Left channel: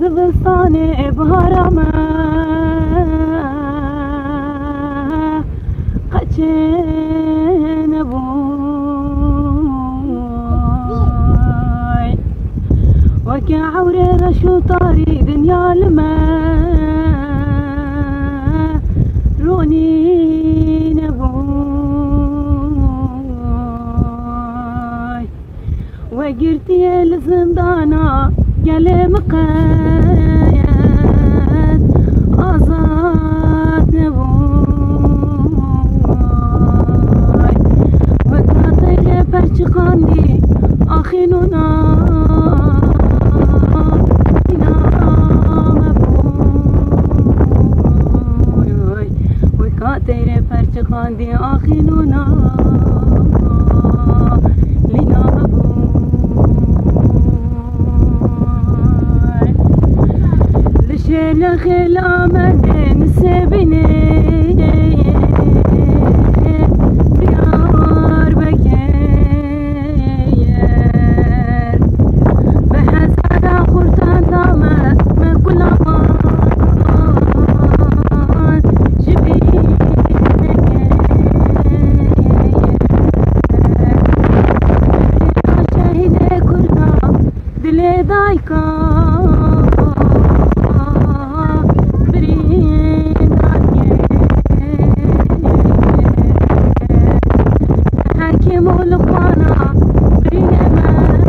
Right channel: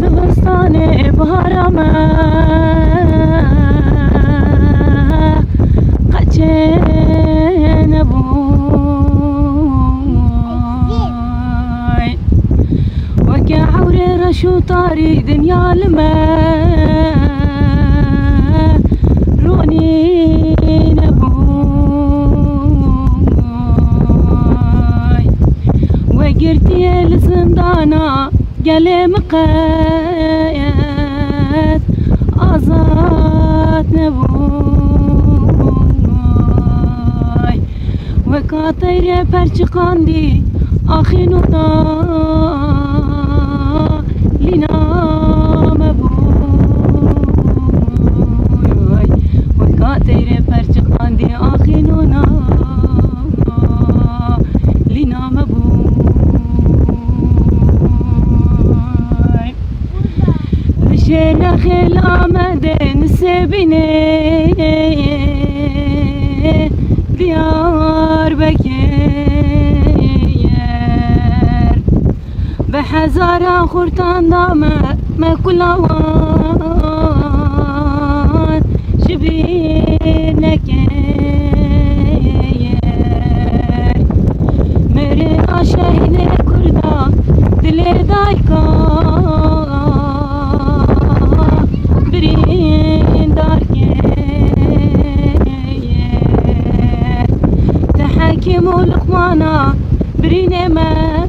زمستان بهارم قچه نبوی وكي عوري رشو طاري دنيا لما روني نبوي وقرتي الزندانة قلي مقايد آزاد نبوي وكاطيري برشقاندي آخنونا لنا مبوي وكاطيري برشقاندي آخنونا لنا مبوي رشينا خيل آمدين السبيني ديار بكير بحزارة خورتان دامة ما كل وان شبينك مرينا شهيد كردا دلي دايكا برين داركي تحكيم الإخوانا برين ما